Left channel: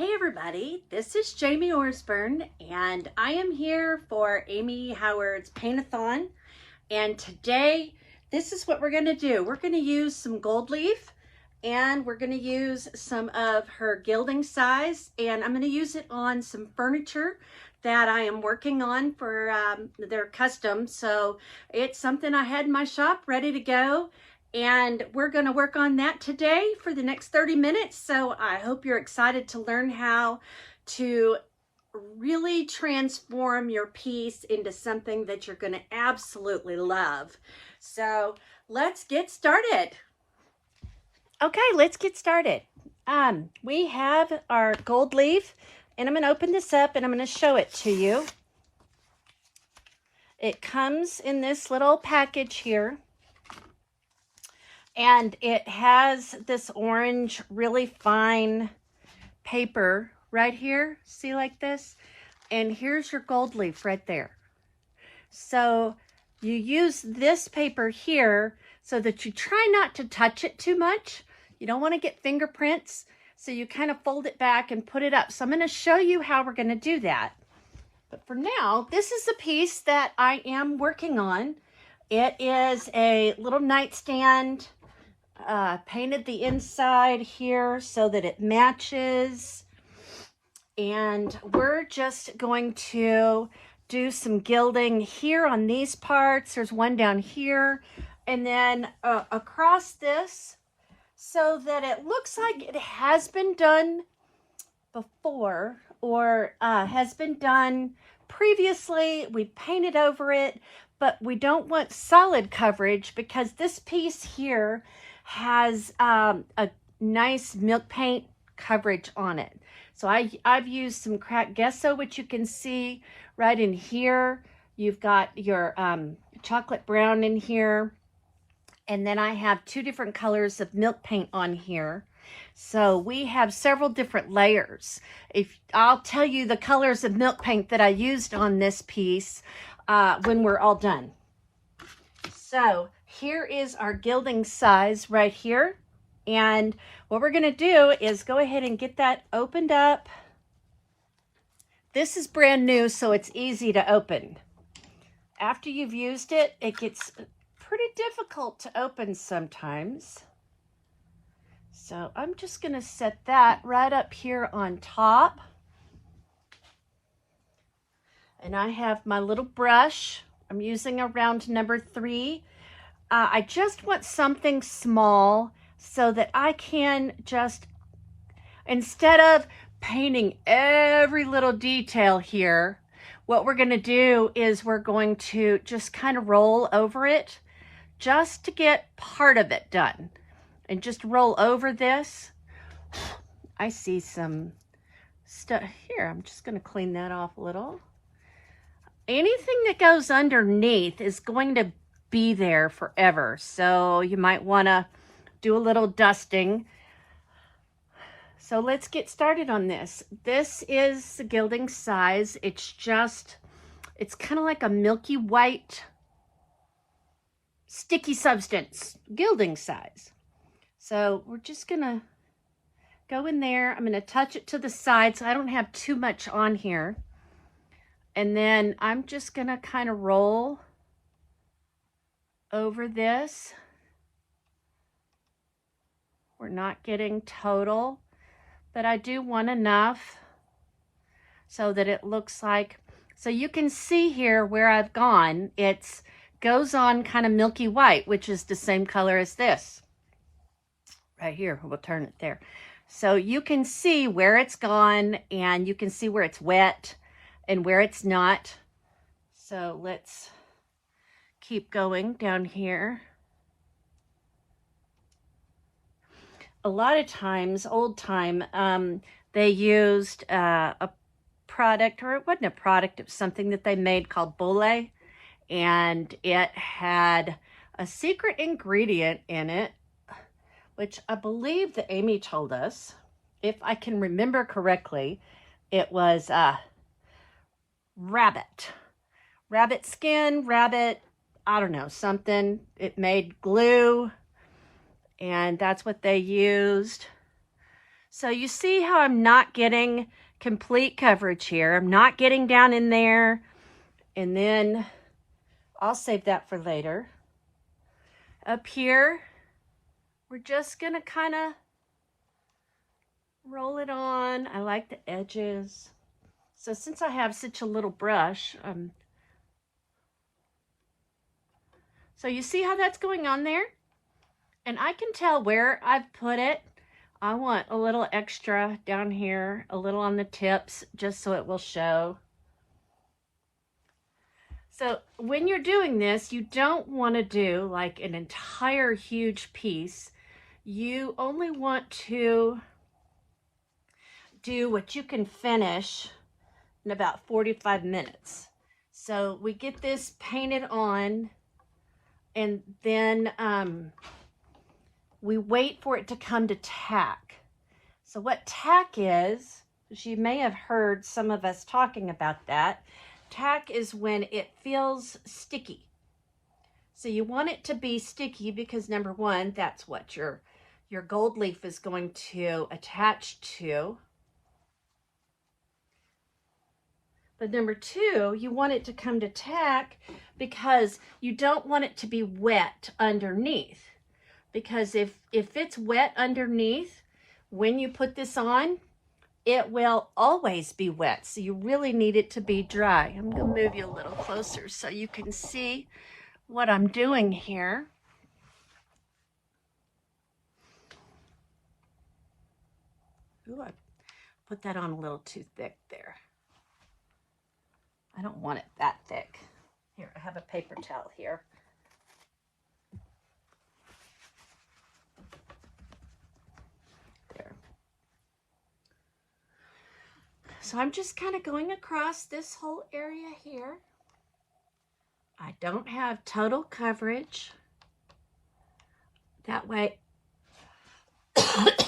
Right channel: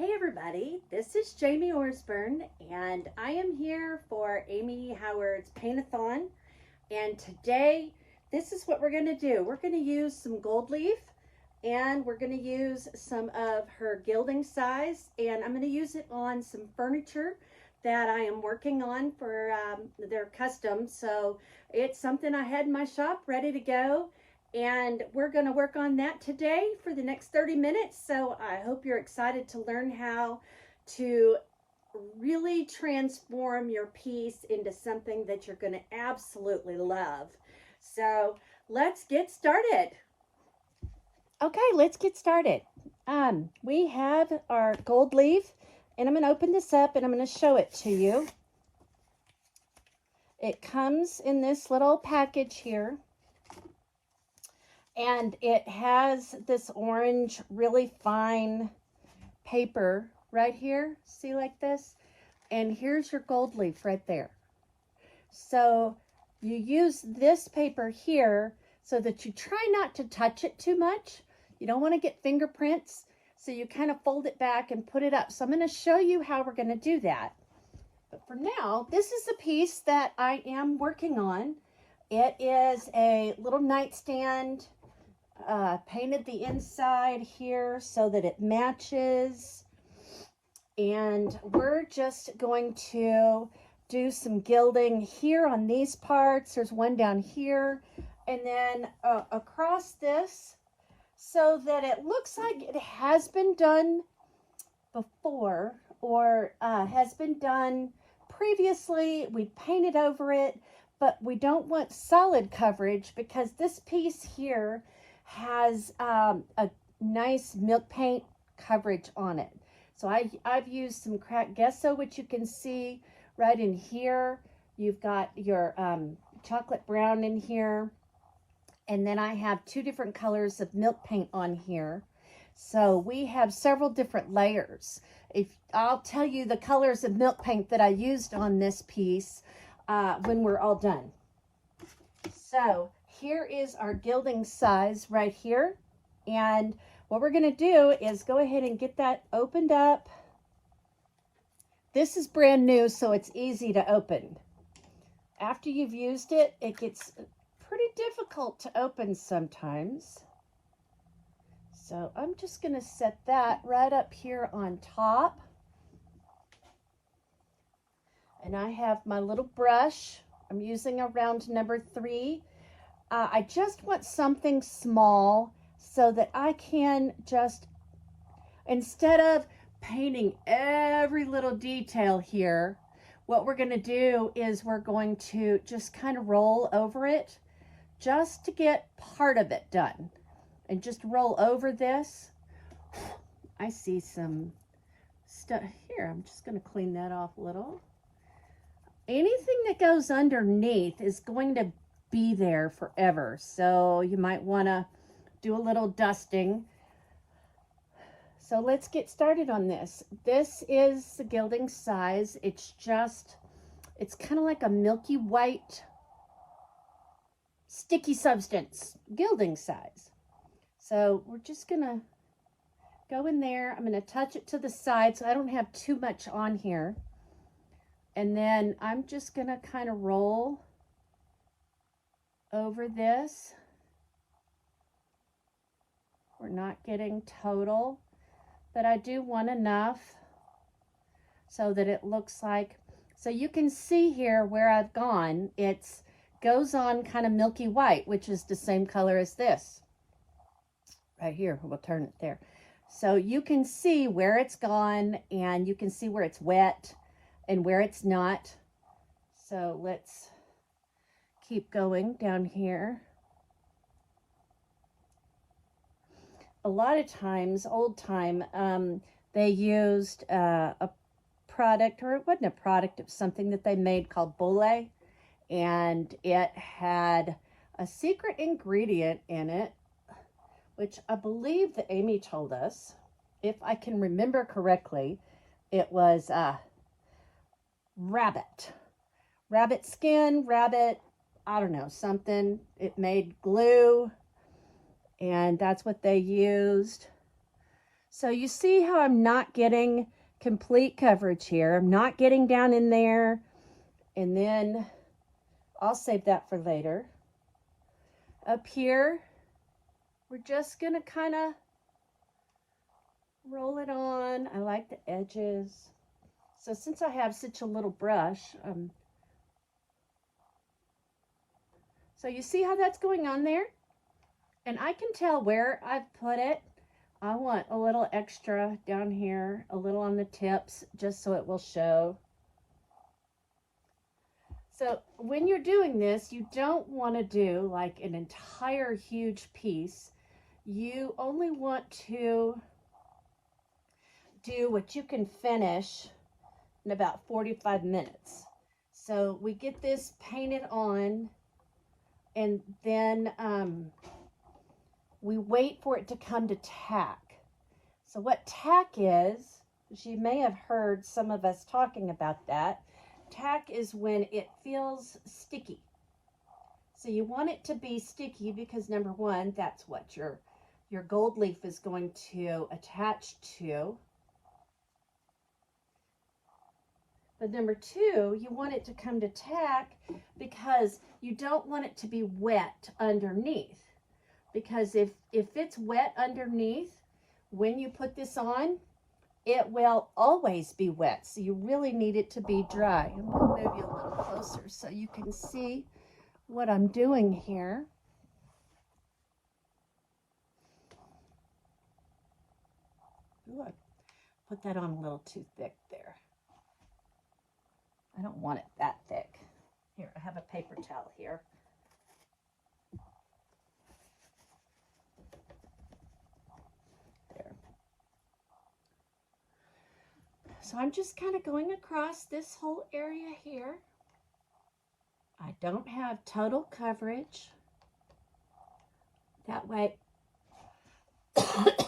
Hey everybody, this is Jamie Orsburn and I am here for Amy Howard's Paint-A-Thon, and today this is what we're going to do. We're going to use some gold leaf and we're going to use some of her Gilding Size, and I'm going to use it on some furniture that I am working on for their custom. So it's something I had in my shop ready to go, and we're going to work on that today for the next 30 minutes. So I hope you're excited to learn how to really transform your piece into something that you're going to absolutely love. So let's get started. Okay, let's get started. We have our gold leaf, and I'm going to open this up and I'm going to show it to you. It comes in this little package here, and it has this orange, really fine paper right here. See, like this? And here's your gold leaf right there. So you use this paper here so that you try not to touch it too much. You don't want to get fingerprints, so you kind of fold it back and put it up. So I'm going to show you how we're going to do that. But for now, this is the piece that I am working on. It is a little nightstand, painted the inside here so that it matches. And we're just going to do some gilding here on these parts. There's one down here, and then across this, so that it looks like it has been done before, or has been done previously. We painted over it, but we don't want solid coverage because this piece here has a nice milk paint coverage on it. So I've used some cracked gesso, which you can see right in here. You've got your chocolate brown in here. And then I have two different colors of milk paint on here. So we have several different layers. I'll tell you the colors of milk paint that I used on this piece when we're all done. So here is our Gilding Size right here. And what we're going to do is go ahead and get that opened up. This is brand new, so it's easy to open. After you've used it, it gets pretty difficult to open sometimes. So I'm just going to set that right up here on top. And I have my little brush. I'm using a round number 3. I just want something small so that I can just, instead of painting every little detail here, what we're going to do is we're going to just kind of roll over it just to get part of it done. And just roll over this. I see some stuff here. I'm just going to clean that off a little. Anything that goes underneath is going to be there forever, so you might want to do a little dusting. So let's get started on this. This is the Gilding Size. It's kind of like a milky white sticky substance, Gilding Size. So we're just gonna go in there. I'm gonna touch it to the side so I don't have too much on here. And then I'm just gonna kind of roll over this. We're not getting total, but I do want enough so that it looks like, so you can see here where I've gone, it goes on kind of milky white, which is the same color as this. Right here, we'll turn it there. So you can see where it's gone, and you can see where it's wet and where it's not. So let's keep going down here. A lot of times, old time, they used a product, or it wasn't a product, it was something that they made called Bole, and it had a secret ingredient in it, which I believe that Amy told us, if I can remember correctly, it was rabbit skin, I don't know, something. It made glue, and that's what they used. So you see how I'm not getting complete coverage here. I'm not getting down in there, and then I'll save that for later. Up here, we're just gonna kind of roll it on. I like the edges. So since I have such a little brush, so you see how that's going on there? And I can tell where I've put it. I want a little extra down here, a little on the tips, just so it will show. So when you're doing this, you don't want to do like an entire huge piece. You only want to do what you can finish in about 45 minutes. So we get this painted on, and then we wait for it to come to tack. So what tack is, as you may have heard some of us talking about that, tack is when it feels sticky. So you want it to be sticky because number one, that's what your gold leaf is going to attach to. But number two, you want it to come to tack because you don't want it to be wet underneath. Because if it's wet underneath, when you put this on, it will always be wet. So you really need it to be dry. I'm going to move you a little closer so you can see what I'm doing here. Ooh, I put that on a little too thick there. I don't want it that thick. Here, I have a paper towel here. There. So I'm just kind of going across this whole area here. I don't have total coverage. That way,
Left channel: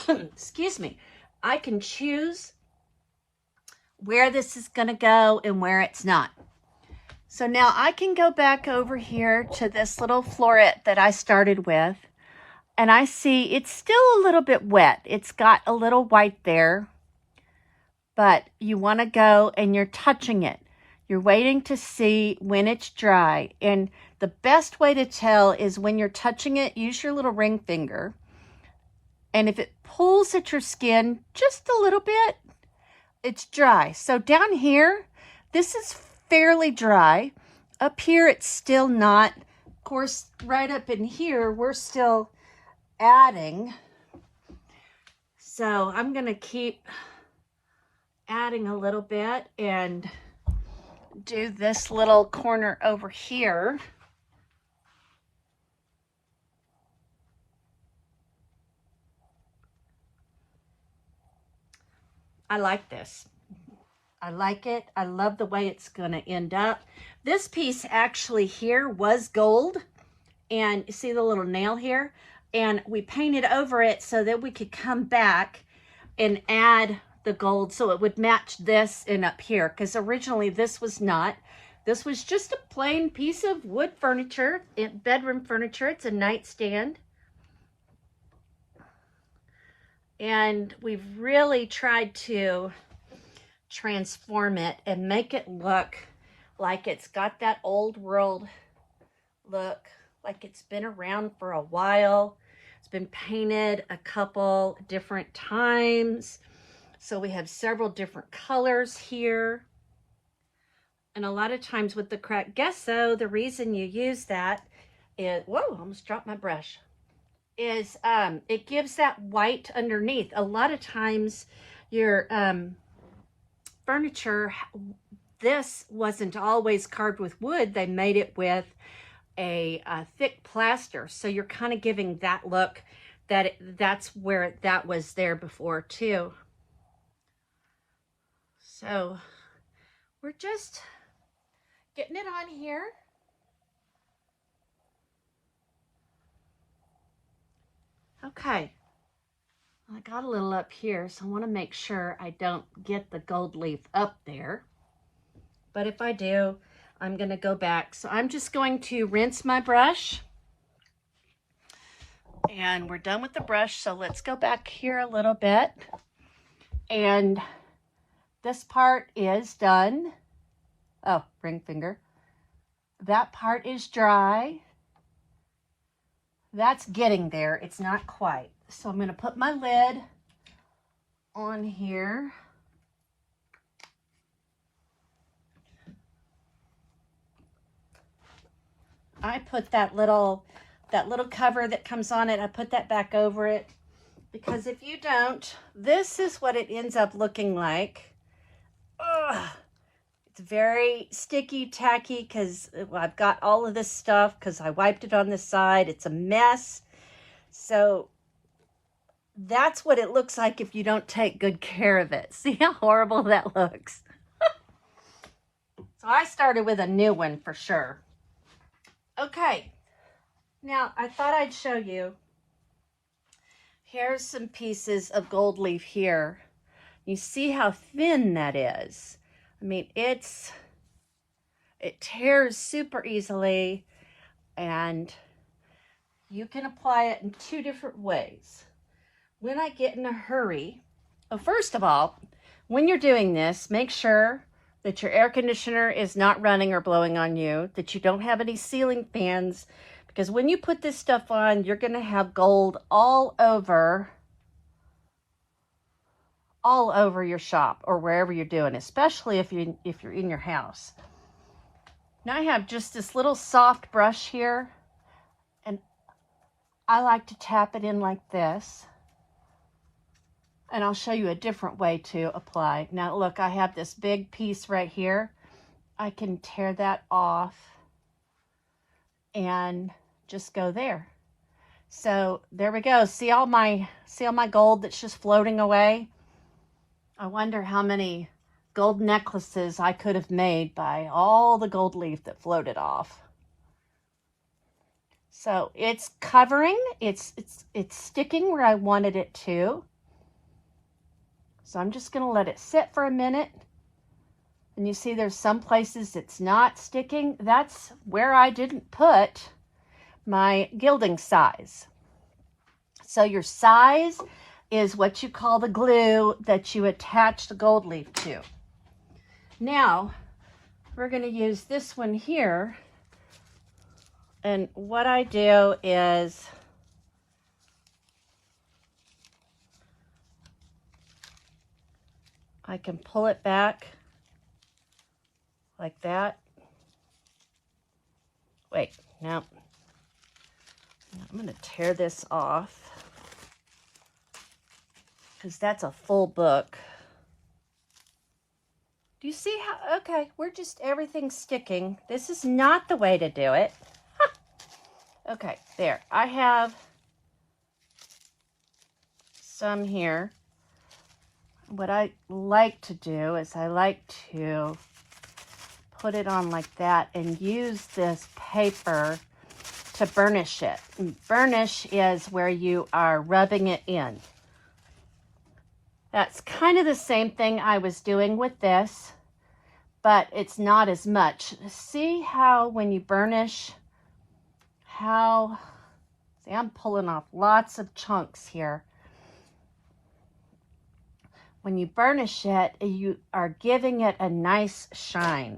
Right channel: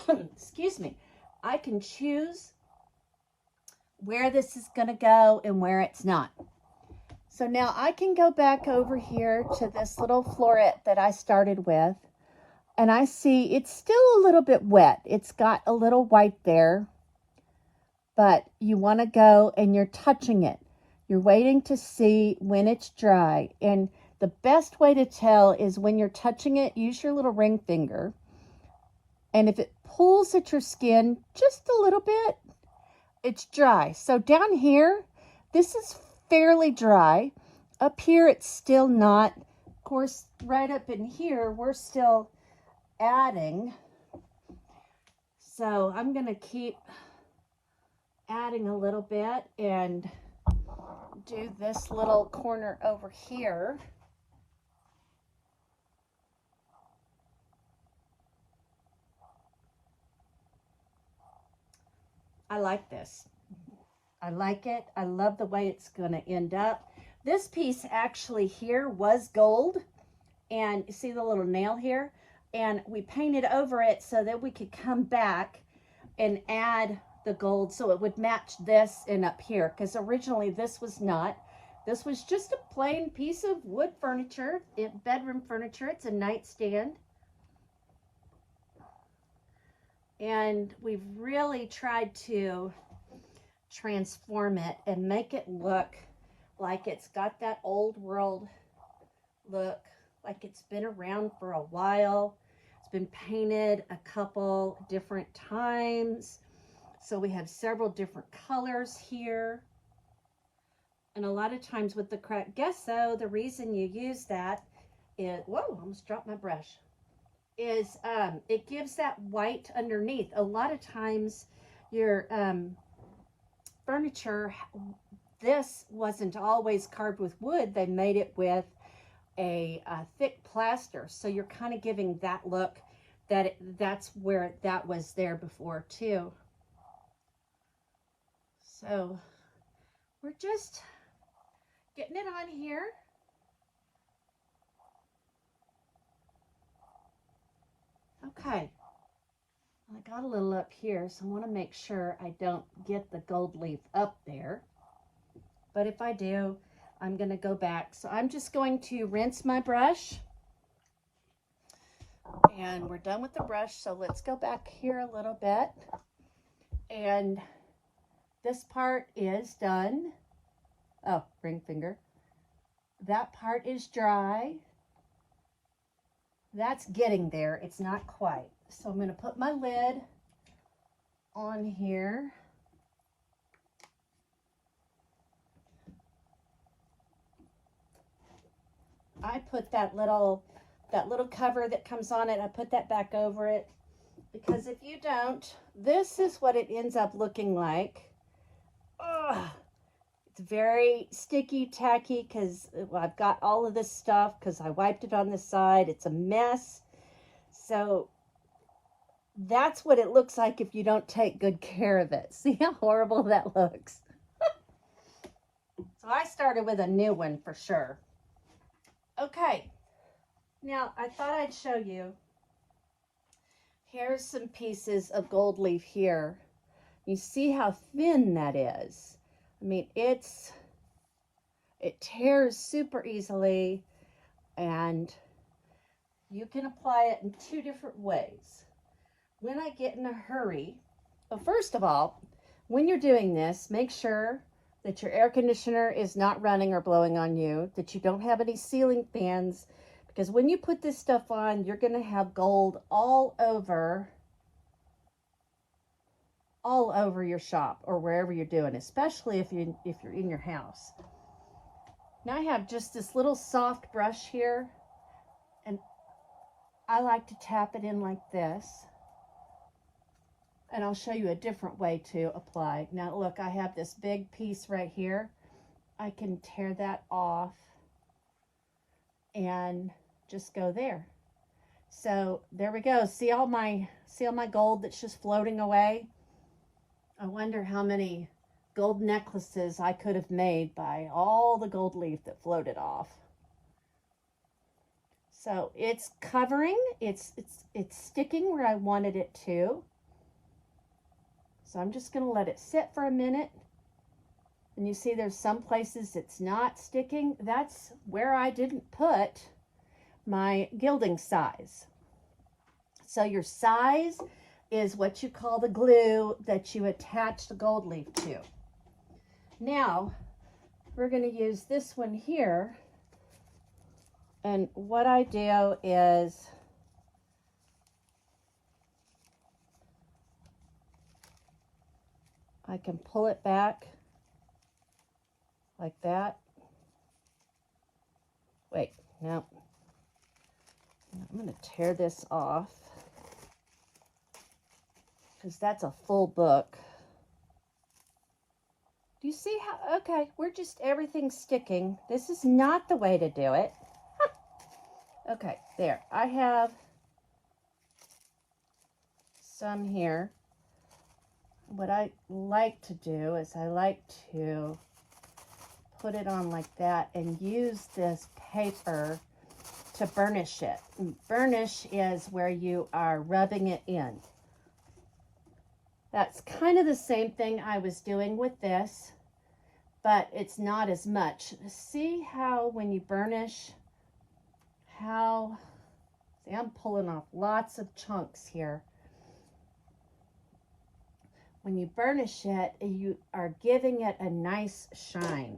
excuse me, I can choose where this is going to go and where it's not. So now I can go back over here to this little floret that I started with, and I see it's still a little bit wet. It's got a little white there, but you want to go and you're touching it. You're waiting to see when it's dry, and the best way to tell is when you're touching it, use your little ring finger, and if it pulls at your skin just a little bit, it's dry. So down here, this is fairly dry. Up here, it's still not. Of course, right up in here, we're still adding. So I'm going to keep adding a little bit and do this little corner over here. I like this. I like it. I love the way it's going to end up. This piece actually here was gold, and you see the little nail here, and we painted over it so that we could come back and add the gold so it would match this and up here, because originally this was not. This was just a plain piece of wood furniture, bedroom furniture. It's a nightstand. And we've really tried to transform it and make it look like it's got that old world look, like it's been around for a while. It's been painted a couple different times. So we have several different colors here. And a lot of times with the cracked gesso, the reason you use that is, whoa, almost dropped my brush, is it gives that white underneath. A lot of times your furniture, this wasn't always carved with wood. They made it with a thick plaster. So you're kind of giving that look that that's where that was there before too. So we're just getting it on here. Okay, I got a little up here, so I want to make sure I don't get the gold leaf up there. But if I do, I'm going to go back. So I'm just going to rinse my brush. And we're done with the brush, so let's go back here a little bit. And this part is done. Oh, ring finger. That part is dry. That's getting there. It's not quite. So I'm going to put my lid on here. I put that little cover that comes on it, I put that back over it, because if you don't, this is what it ends up looking like. Ugh. It's very sticky, tacky, because I've got all of this stuff because I wiped it on the side. It's a mess. So that's what it looks like if you don't take good care of it. See how horrible that looks? So I started with a new one for sure. Okay, now I thought I'd show you. Here's some pieces of gold leaf here. You see how thin that is. I mean, it tears super easily, and you can apply it in two different ways. When I get in a hurry, well, first of all, when you're doing this, make sure that your air conditioner is not running or blowing on you, that you don't have any ceiling fans, because when you put this stuff on, you're going to have gold all over your shop or wherever you're doing, especially if you're in your house. Now I have just this little soft brush here, and I like to tap it in like this. And I'll show you a different way to apply. Now look, I have this big piece right here. I can tear that off and just go there. So there we go. See all my gold that's just floating away? I wonder how many gold necklaces I could have made by all the gold leaf that floated off. So it's covering, it's sticking where I wanted it to. So I'm just going to let it sit for a minute. And you see there's some places it's not sticking. That's where I didn't put my gilding size. So your size is what you call the glue that you attach the gold leaf to. Now, we're going to use this one here. And what I do is I can pull it back like that. Wait, no. I'm going to tear this off because that's a full book. Do you see how, okay, everything's sticking. This is not the way to do it. Huh. Okay, there. I have some here. What I like to do is I like to put it on like that and use this paper to burnish it. And burnish is where you are rubbing it in. That's kind of the same thing I was doing with this, but it's not as much. See how when you burnish, see, I'm pulling off lots of chunks here. When you burnish it, you are giving it a nice shine.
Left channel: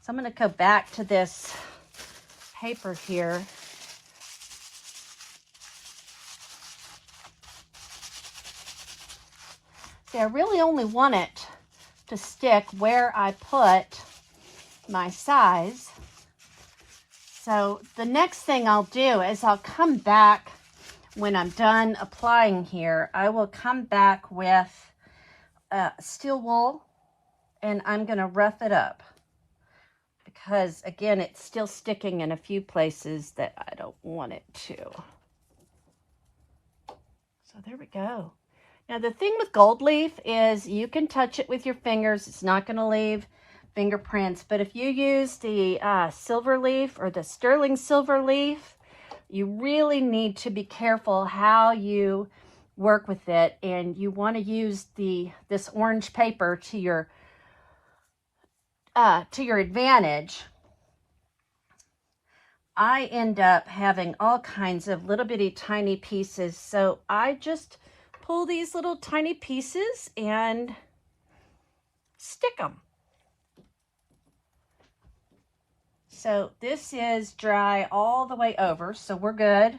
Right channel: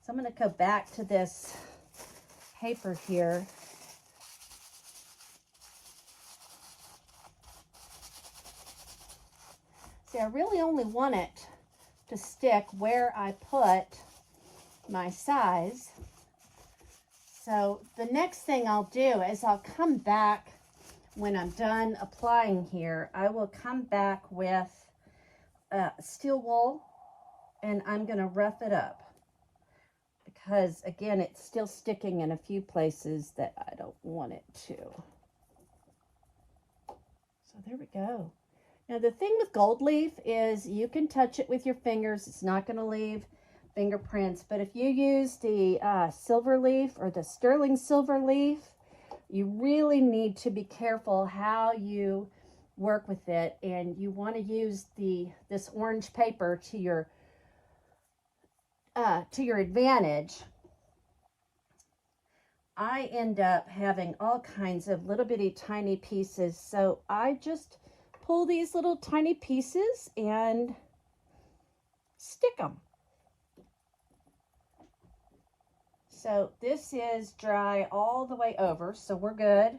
So I'm going to go back to this paper here. See, I really only want it to stick where I put my size. So the next thing I'll do is I'll come back when I'm done applying here. I will come back with steel wool, and I'm going to rough it up because again it's still sticking in a few places that I don't want it to. So there we go. Now the thing with gold leaf is you can touch it with your fingers. It's not going to leave fingerprints, but if you use the silver leaf or the sterling silver leaf, you really need to be careful how you work with it, and you want to use this orange paper to your advantage. I end up having all kinds of little bitty tiny pieces, so I just pull these little tiny pieces and stick them. So this is dry all the way over, so we're good.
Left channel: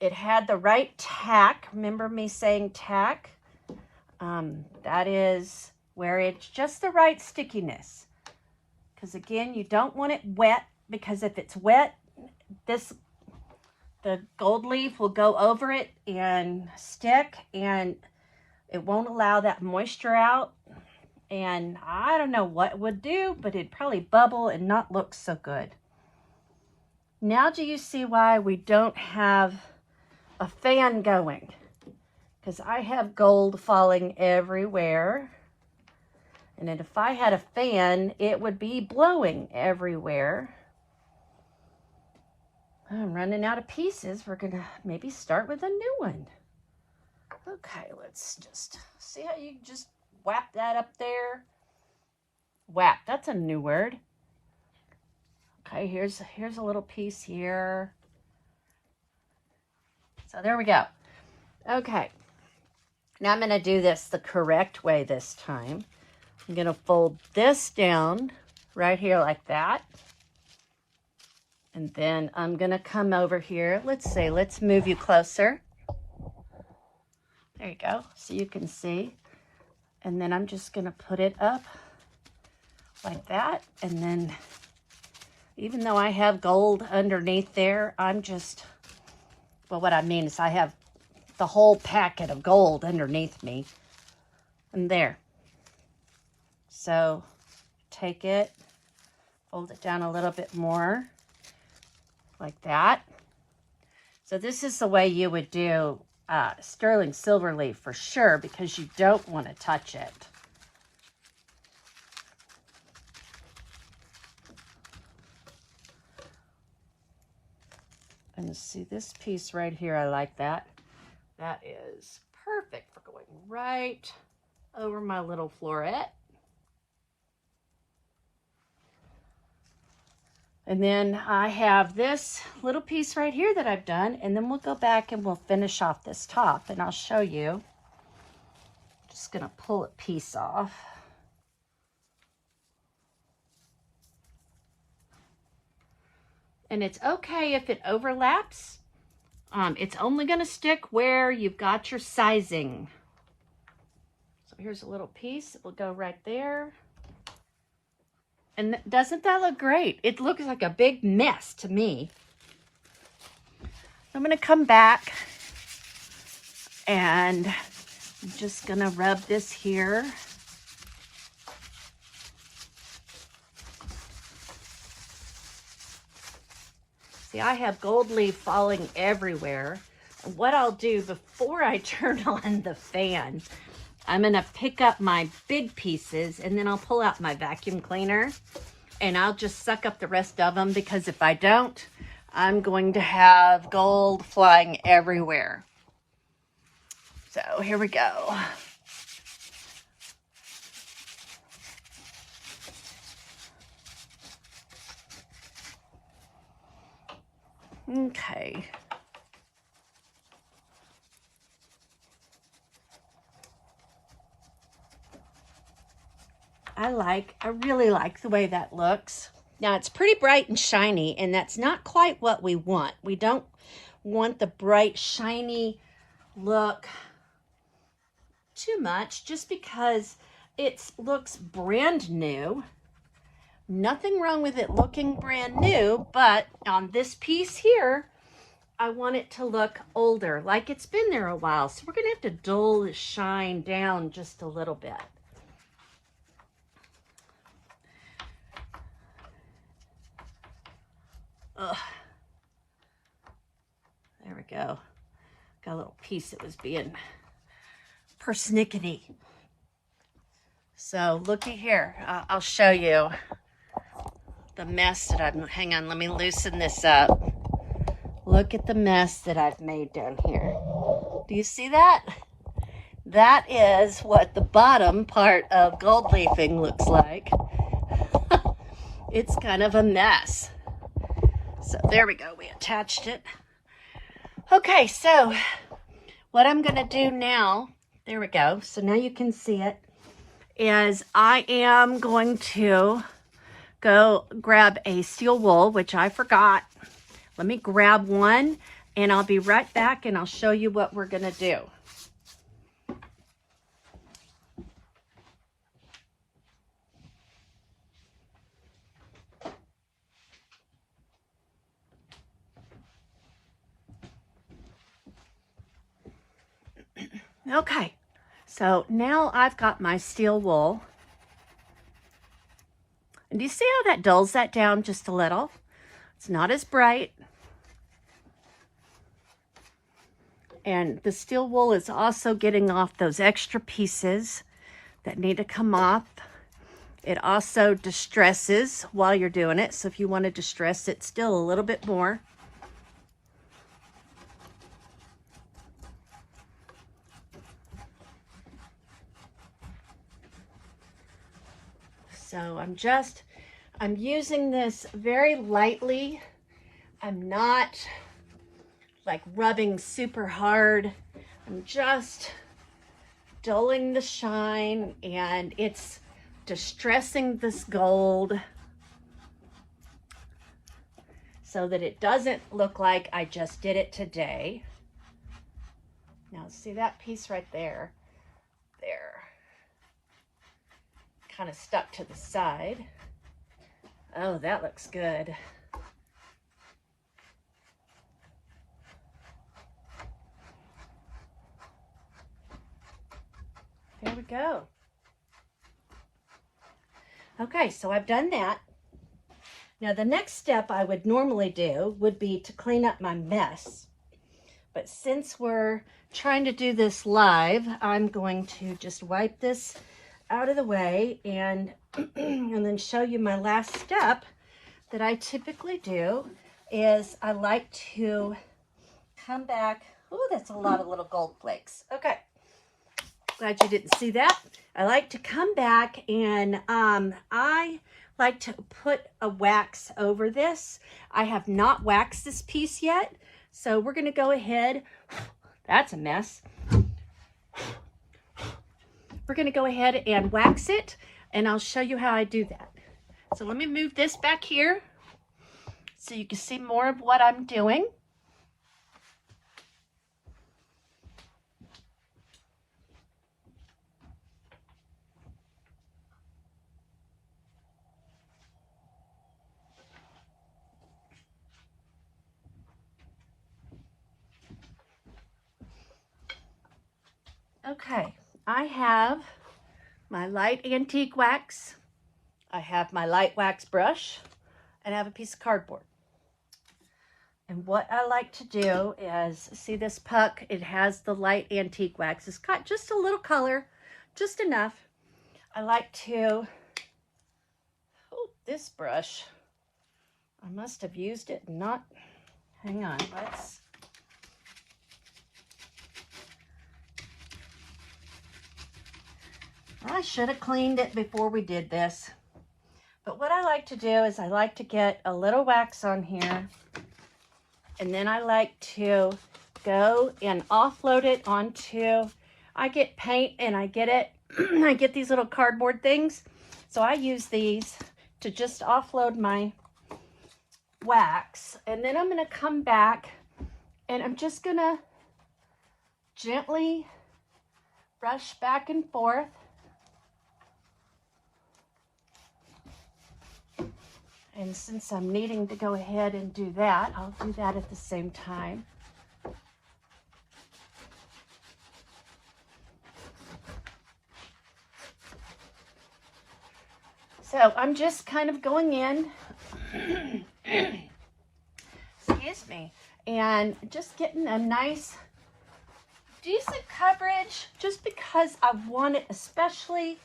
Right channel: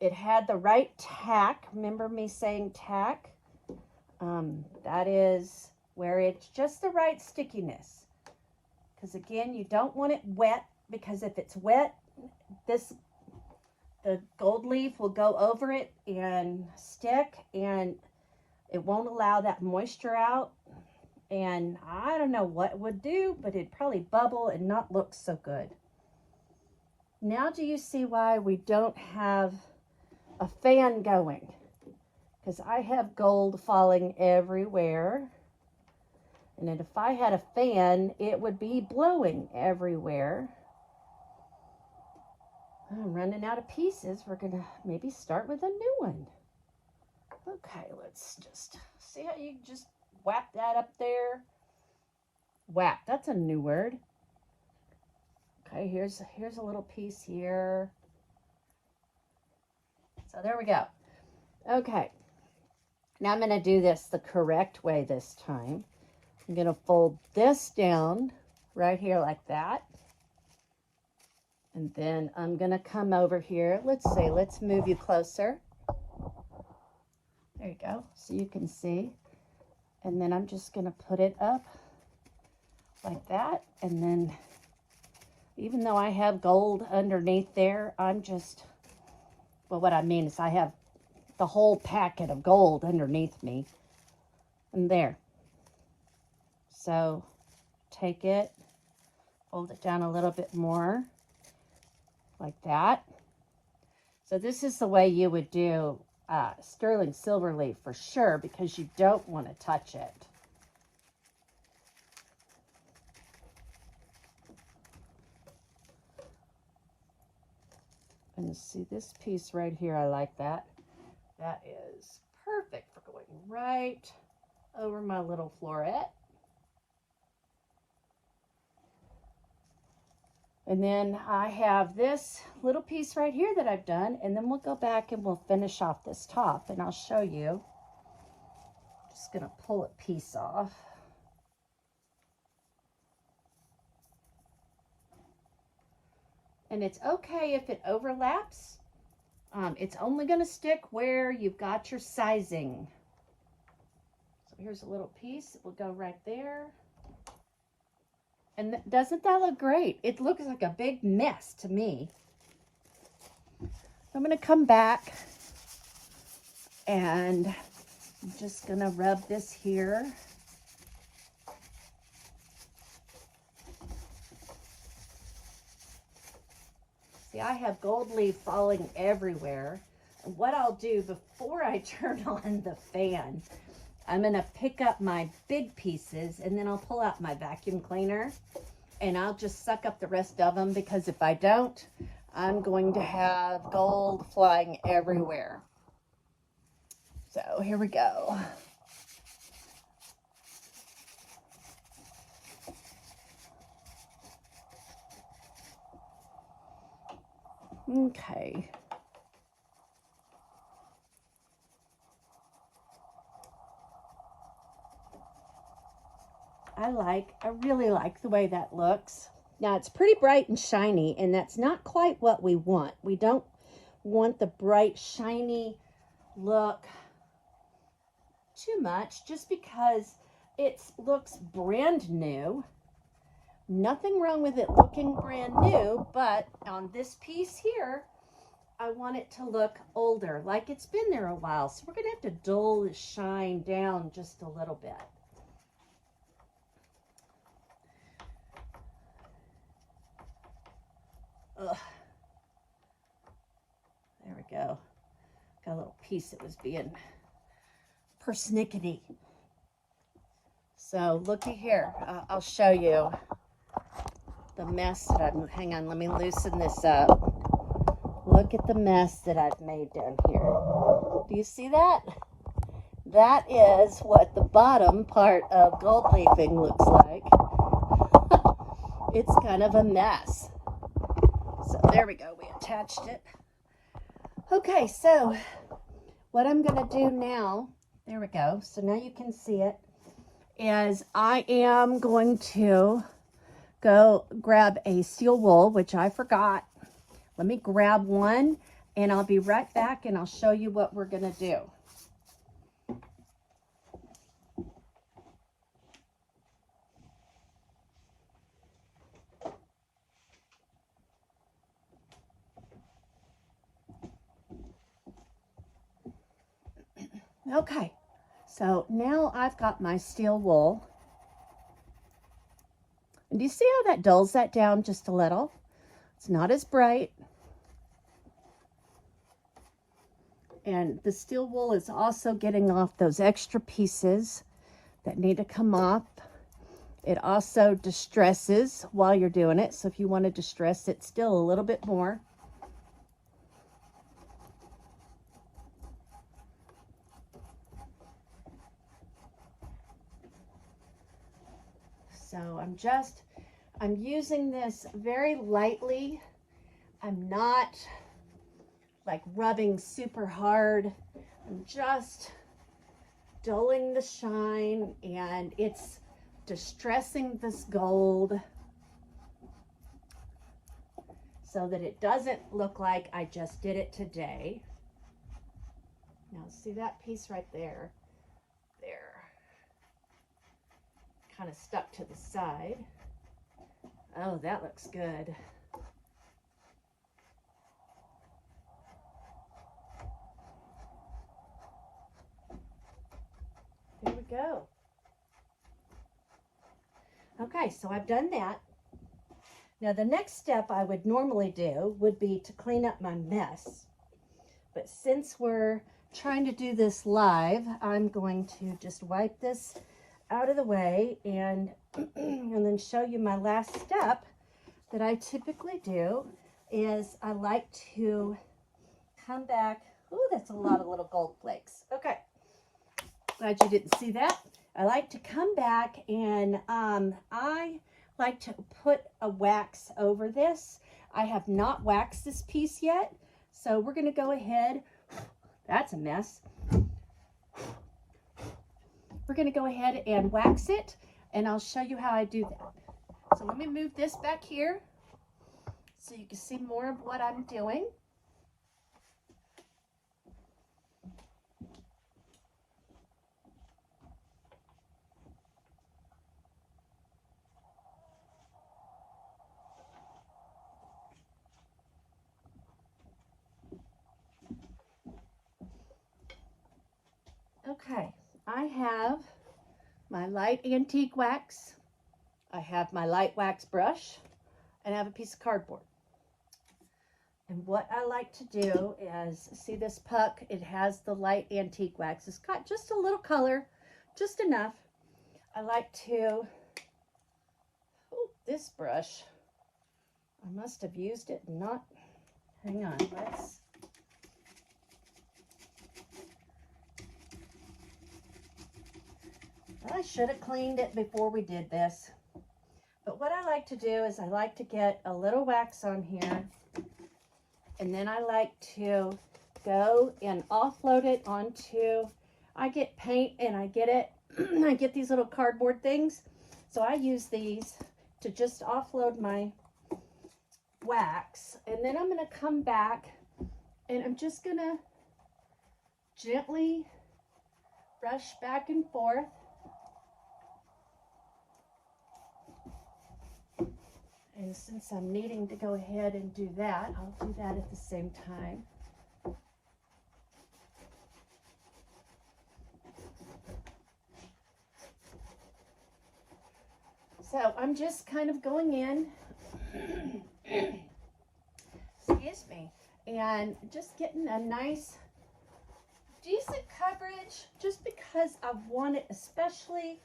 It had the right tack. Remember me saying tack? That is where it's just the right stickiness. Because again, you don't want it wet, because if it's wet, the gold leaf will go over it and stick, and it won't allow that moisture out. And I don't know what it would do, but it'd probably bubble and not look so good. Now do you see why we don't have a fan going? Because I have gold falling everywhere. And then if I had a fan, it would be blowing everywhere. I'm running out of pieces. We're gonna maybe start with a new one. Okay, let's just see how you just whap that up there. Whap, that's a new word. Okay, here's a little piece here. So there we go. Okay, now I'm gonna do this the correct way this time. I'm gonna fold this down right here like that. And then I'm gonna come over here. Let's move you closer. There you go, so you can see. And then I'm just gonna put it up like that. And then, even though I have gold underneath there, well, what I mean is I have the whole packet of gold underneath me. And there. So, take it, fold it down a little bit more, like that. So this is the way you would do sterling silver leaf for sure, because you don't want to touch it. And see this piece right here, I like that. That is perfect for going right over my little floret. And then I have this little piece right here that I've done, and then we'll go back and we'll finish off this top, and I'll show you. I'm just gonna pull a piece off. And it's okay if it overlaps. It's only gonna stick where you've got your sizing. So here's a little piece, it will go right there. And doesn't that look great? It looks like a big mess to me. I'm gonna come back and I'm just gonna rub this here. See, I have gold leaf falling everywhere. What I'll do before I turn on the fan, I'm gonna pick up my big pieces, and then I'll pull out my vacuum cleaner and I'll just suck up the rest of them, because if I don't, I'm going to have gold flying everywhere. So here we go. Okay. I really like the way that looks. Now it's pretty bright and shiny, and that's not quite what we want. We don't want the bright, shiny look too much, just because it looks brand new. Nothing wrong with it looking brand new, but on this piece here, I want it to look older, like it's been there a while. So we're gonna have to dull the shine down just a little bit. Ugh. There we go. Got a little piece that was being persnickety. So looky here, I'll show you the mess that I've, hang on, let me loosen this up. Look at the mess that I've made down here. Do you see that? That is what the bottom part of gold leafing looks like. It's kind of a mess. So there we go, we attached it. Okay, so what I'm going to do now, there we go. So now you can see it, is I am going to go grab a steel wool, which I forgot. Let me grab one and I'll be right back and I'll show you what we're going to do. Okay, so now I've got my steel wool. And do you see how that dulls that down just a little? It's not as bright. And the steel wool is also getting off those extra pieces that need to come off. It also distresses while you're doing it. So if you want to distress it still a little bit more. So I'm using this very lightly. I'm not like rubbing super hard. I'm just dulling the shine, and it's distressing this gold so that it doesn't look like I just did it today. Now see that piece right there? There. Kind of stuck to the side. Oh, that looks good. There we go. Okay, so I've done that. Now the next step I would normally do would be to clean up my mess. But since we're trying to do this live, I'm going to just wipe this out of the way and and then show you my last step that I typically do is I like to come back. Oh, that's a lot of little gold flakes. Okay, glad you didn't see that. I like to come back and I like to put a wax over this. I have not waxed this piece yet, so we're going to go ahead. That's a mess. We're going to go ahead and wax it, and I'll show you how I do that. So let me move this back here so you can see more of what I'm doing. Okay, I have my light antique wax, I have my light wax brush, and I have a piece of cardboard. And what I like to do is, see this puck? It has the light antique wax. It's got just a little color, just enough. I like to, oh, this brush, I must have used it and not, hang on, let's, I should have cleaned it before we did this. But what I like to do is I like to get a little wax on here, and then I like to go and offload it onto, I get paint and I get it, I get these little cardboard things. So I use these to just offload my wax. And then I'm gonna come back and I'm just gonna gently brush back and forth. And since I'm needing to go ahead and do that, I'll do that at the same time. So I'm just kind of going in, excuse me, and just getting a nice, decent coverage, just because I want it, especially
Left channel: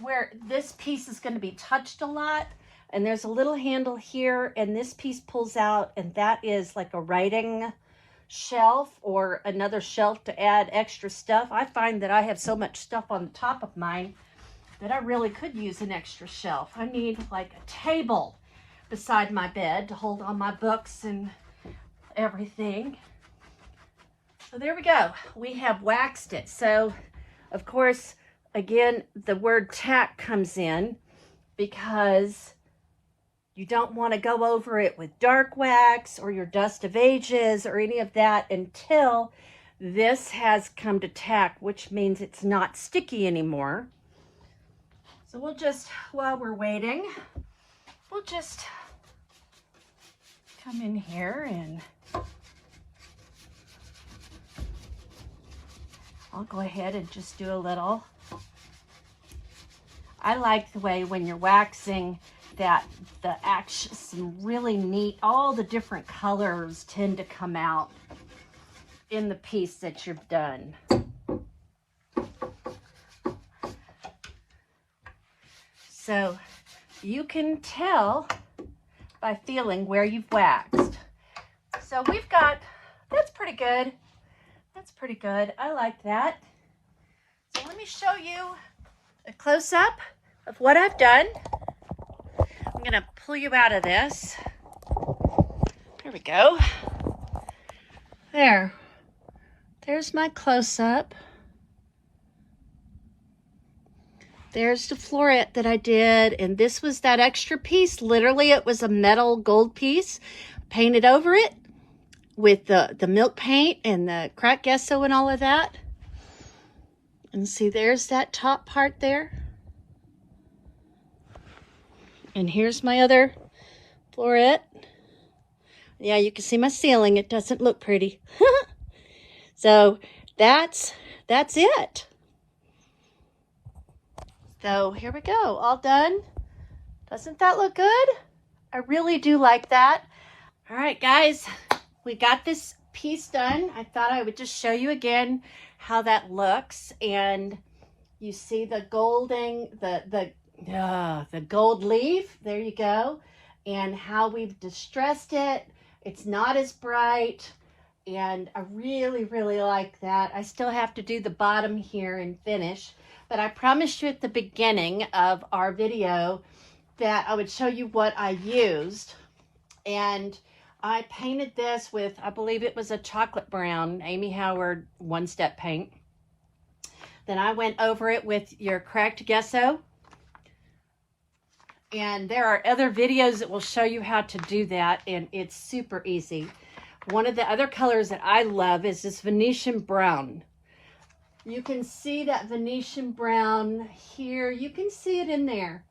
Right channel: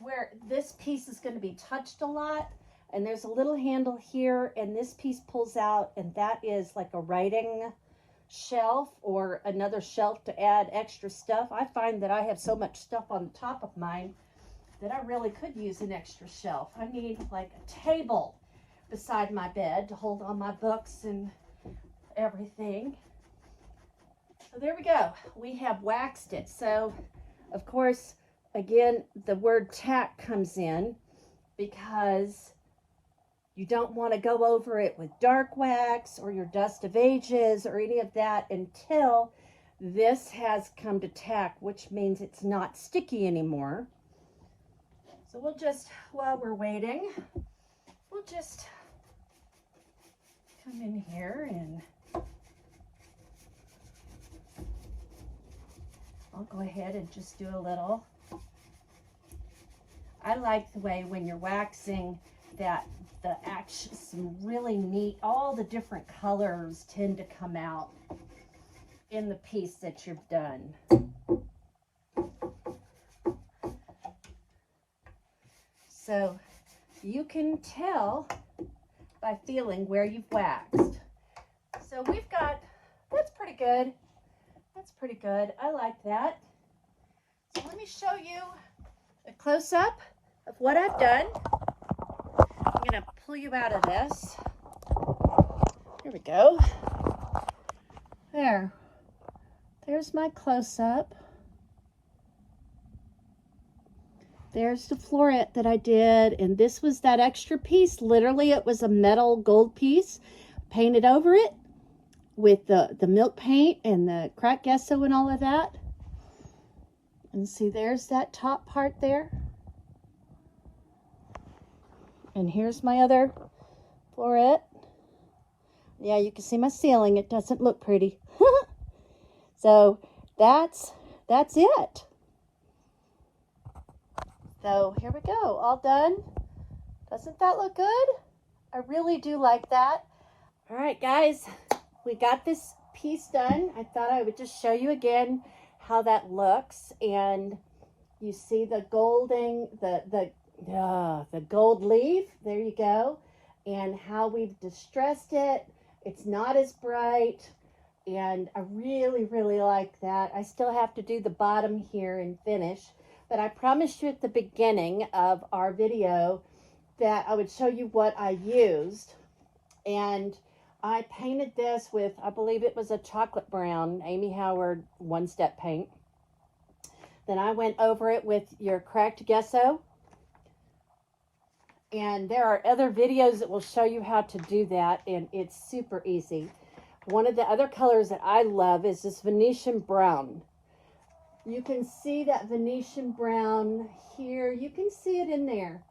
where this piece is going to be touched a lot. And there's a little handle here, and this piece pulls out, and that is like a writing shelf or another shelf to add extra stuff. I find that I have so much stuff on the top of mine that I really could use an extra shelf. I need like a table beside my bed to hold all my books and everything. So there we go. We have waxed it. So, of course, again, the word tack comes in because you don't want to go over it with dark wax or your dust of ages or any of that until this has come to tack, which means it's not sticky anymore. So we'll just, while we're waiting, we'll just come in here and I'll go ahead and just do a little. I like the way when you're waxing that some really neat, all the different colors tend to come out in the piece that you've done. So you can tell by feeling where you've waxed. So we've got, that's pretty good. That's pretty good. I like that. So let me show you a close-up of what I've done. I'm going to pull you out of this. Here we go. There's my close-up. There's the floret that I did, and this was that extra piece. Literally, it was a metal gold piece painted over it with the milk paint and the cracked gesso and all of that. And see, there's that top part there. And here's my other floret. Yeah, you can see my ceiling. It doesn't look pretty. So that's it. So here we go, all done. Doesn't that look good? I really do like that. All right, guys, we got this piece done. I thought I would just show you again how that looks. And you see the golding, the gold leaf, there you go. And how we've distressed it. It's not as bright. And I really, really like that. I still have to do the bottom here and finish. But I promised you at the beginning of our video that I would show you what I used. And I painted this with, I believe it was a chocolate brown, Amy Howard one-step paint. Then I went over it with your cracked gesso. And there are other videos that will show you how to do that, and it's super easy. One of the other colors that I love is this Venetian brown. You can see that Venetian brown here. You can see it in there.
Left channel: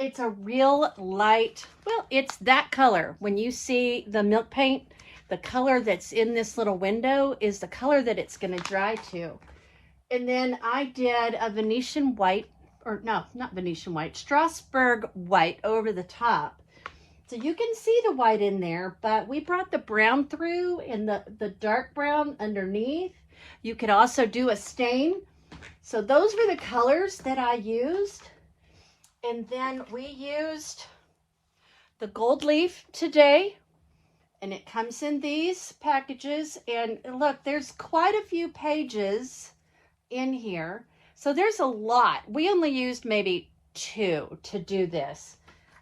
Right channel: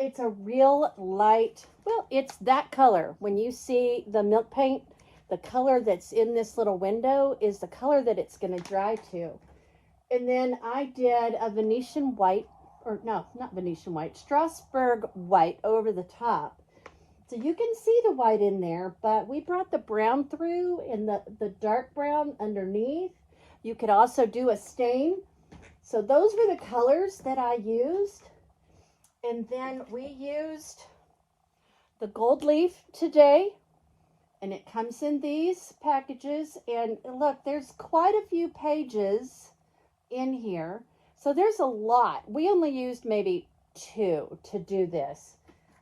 It's a real light, well, it's that color. When you see the milk paint, the color that's in this little window is the color that it's going to dry to. And then I did a Venetian white, or no, not Venetian white, Strasburg white over the top. So you can see the white in there, but we brought the brown through and the dark brown underneath. You could also do a stain. So those were the colors that I used. And then we used the gold leaf today. And it comes in these packages. And look, there's quite a few pages in here. So there's a lot. We only used maybe 2 to do this.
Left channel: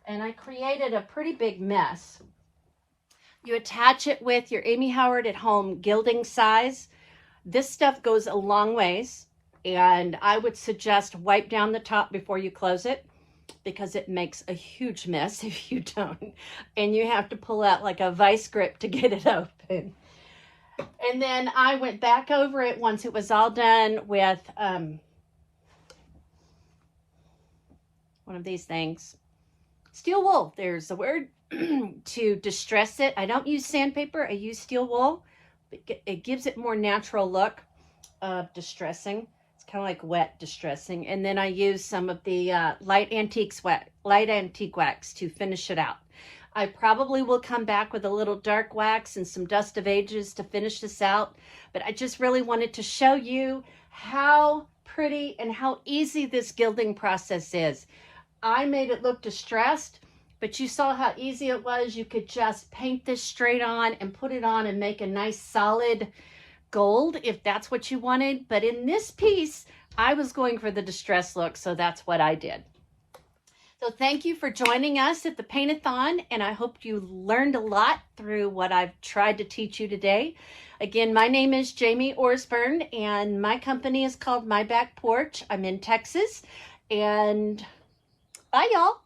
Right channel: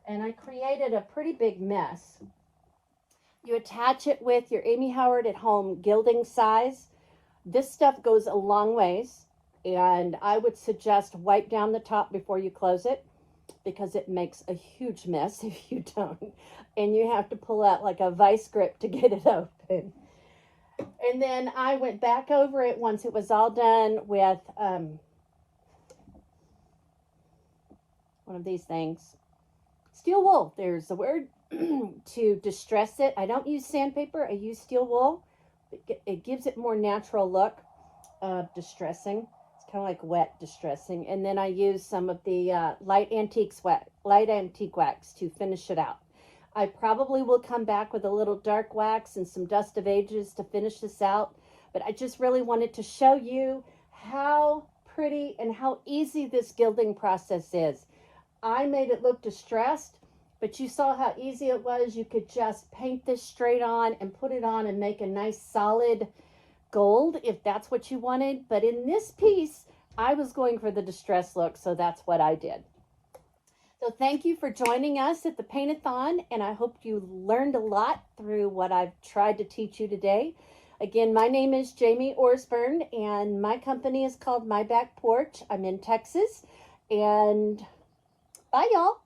And I created a pretty big mess. You attach it with your Amy Howard at Home Gilding Size. This stuff goes a long ways, and I would suggest wipe down the top before you close it because it makes a huge mess if you don't. And you have to pull out like a vice grip to get it open. And then I went back over it once it was all done with one of these things. Steel wool, there's the word, to distress it. I don't use sandpaper, I use steel wool. It gives it more natural look of distressing. It's kind of like wet distressing. And then I use some of the light antique wax to finish it out. I probably will come back with a little dark wax and some dust of ages to finish this out. But I just really wanted to show you how pretty and how easy this gilding process is. I made it look distressed, but you saw how easy it was. You could just paint this straight on and put it on and make a nice solid gold if that's what you wanted. But in this piece, I was going for the distressed look, so that's what I did. So thank you for joining us at the Paint-A-Thon, and I hope you learned a lot through what I've tried to teach you today. Again, my name is Jamie Orsburn, and my company is called My Back Porch. I'm in Texas, and bye, y'all.